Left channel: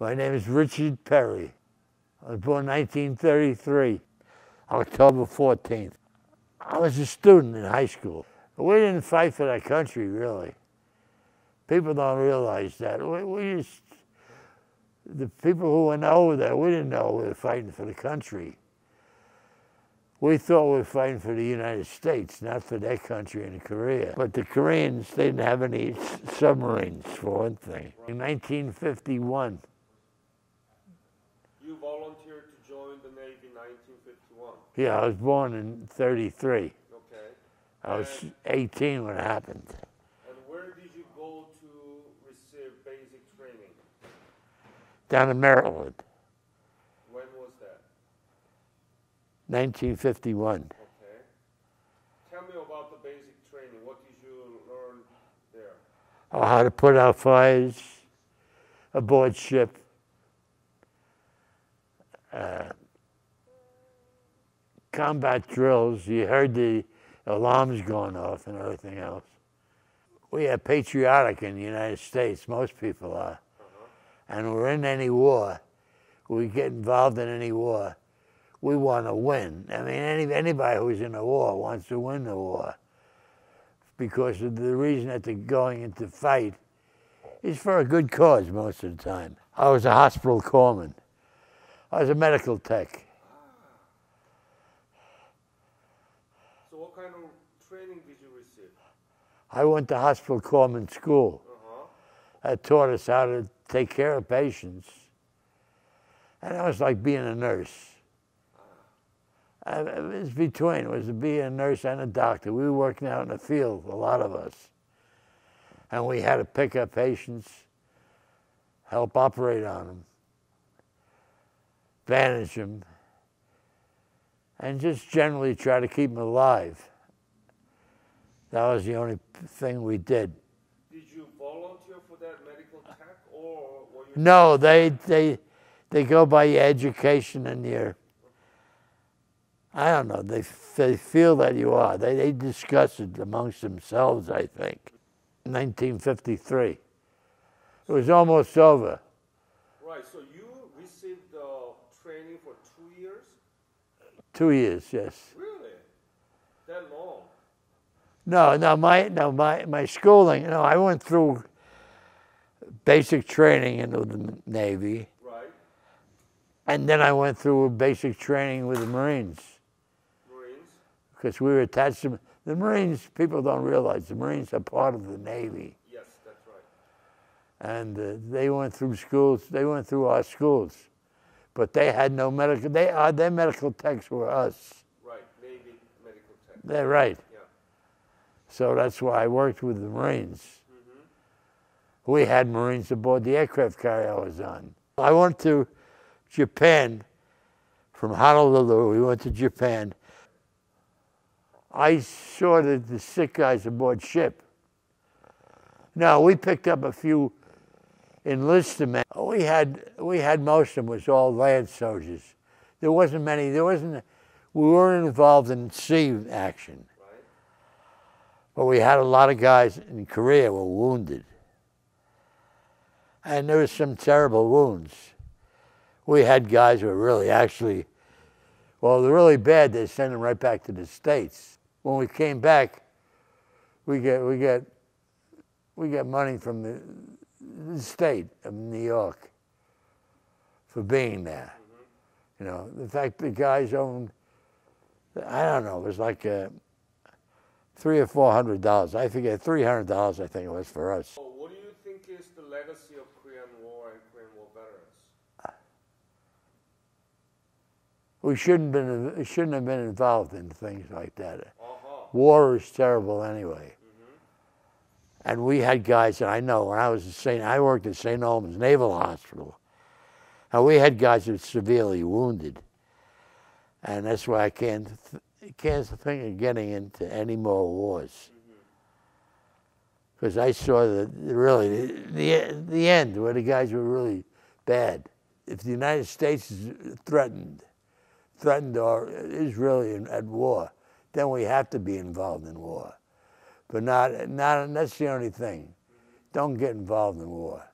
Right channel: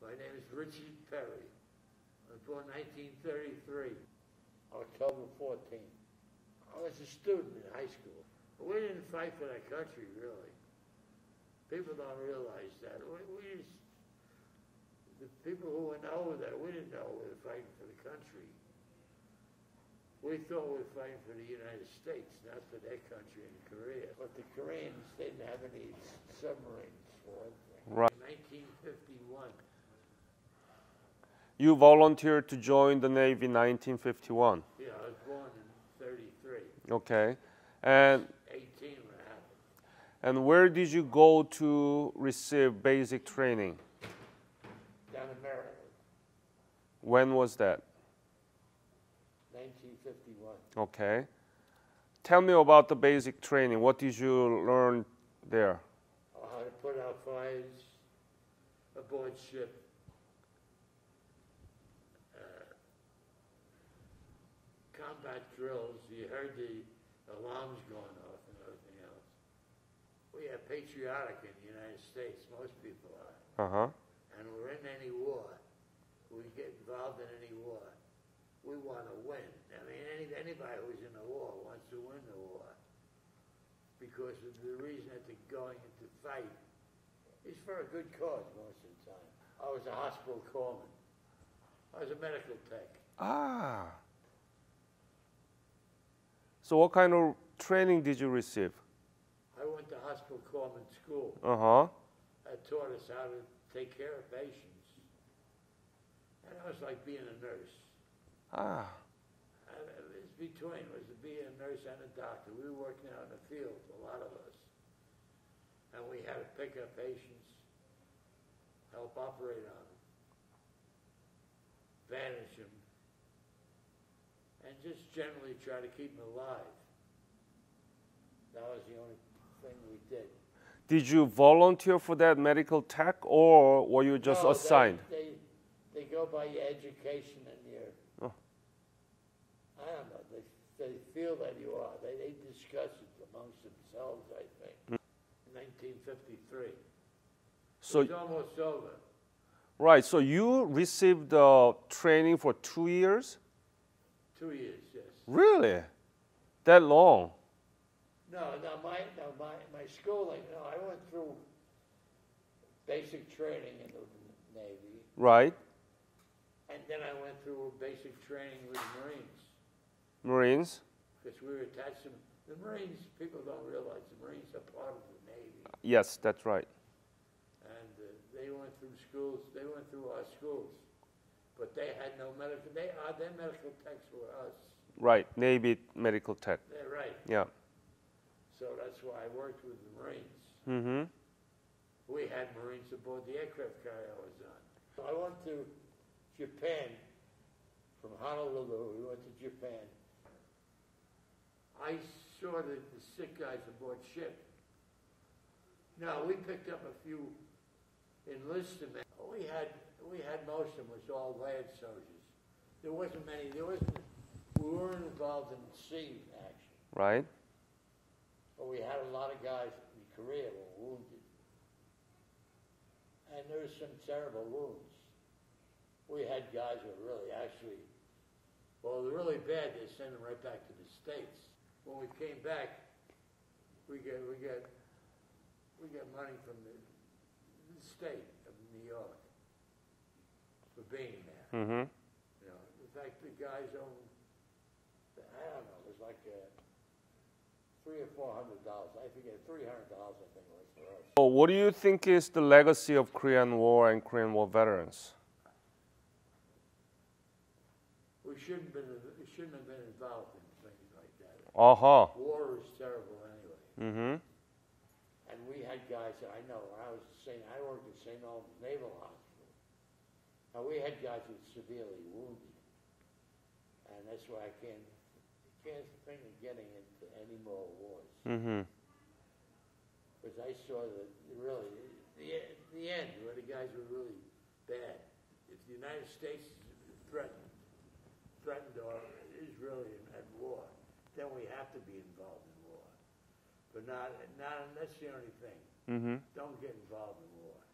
My name is Richard Perry. I was born 1933, October 14th. I was a student in high school. We didn't fight for that country, really. People don't realize that. The people who went over there, we didn't know we were fighting for the country. We thought we were fighting for the United States, not for their country in Korea. But the Koreans, they didn't have any submarines, for one thing. Right. In 1951. You volunteered to join the Navy in 1951? Yeah, I was born in 33. Okay. I was 18 when it happened. And where did you go to receive basic training? Down in Maryland. When was that? 1951. Okay. Tell me about the basic training. What did you learn there? Oh, how to put out fires aboard ship. Combat drills. You heard the alarms going off and everything else. We are patriotic in the United States. Most people are. And we're in any war. We get involved in any war. We want to win. I mean, anybody who's in a war wants to win the war, because of the reason that they're going into fight is for a good cause most of the time. I was a hospital corpsman. I was a medical tech. Ah. So what kind of training did you receive? I went to hospital corpsman school. That taught us how to take care of patients. And it was like being a nurse. It was between. It was to be a nurse and a doctor. We were working out in the field, a lot of us. And we had to pick up patients, help operate on them, bandage them, and just generally try to keep them alive. That was the only thing we did. Did you volunteer for that medical tech, or were you just No, assigned? they go by your education and your, I don't know, they feel that you are. They discuss it amongst themselves, I think. 1953. So it was almost over. Right, so you received training for 2 years? 2 years, yes. Really? That long? No, my schooling, I went through basic training into the Navy. Right. And then I went through basic training with the Marines. Marines? Because we were attached to the Marines. People don't realize the Marines are part of the Navy. Yes, that's right. And they went through schools. They went through our schools, but they had no medical. Their medical techs were us. Right, Navy medical tech. They're right. Yeah. So that's why I worked with the Marines. We had Marines aboard the aircraft carrier I was on. I went to Japan. From Honolulu, we went to Japan. I saw the sick guys aboard ship. Now, we picked up a few enlisted men. We had most of them was all land soldiers. There wasn't many, we weren't involved in sea action. Right. But we had a lot of guys in Korea were wounded. And there was some terrible wounds. We had guys who were really actually, well, they're really bad, they sent them right back to the States. When we came back, we got money from the state of New York for being there. In fact, the guys owned, I don't know, it was like $300 or $400. I forget, $300 I think it was for us. So what do you think is the legacy of Korean War and Korean War veterans? We shouldn't have been involved in things like that. War is terrible anyway. And we had guys, and I know when I worked at St. Albans Naval Hospital, and we had guys who were severely wounded. And that's why I can't think of getting into any more wars. Because I saw really the end where the guys were really bad. If the United States is threatened or is really at war, then we have to be involved in war. But not that's the only thing. Don't get involved in war.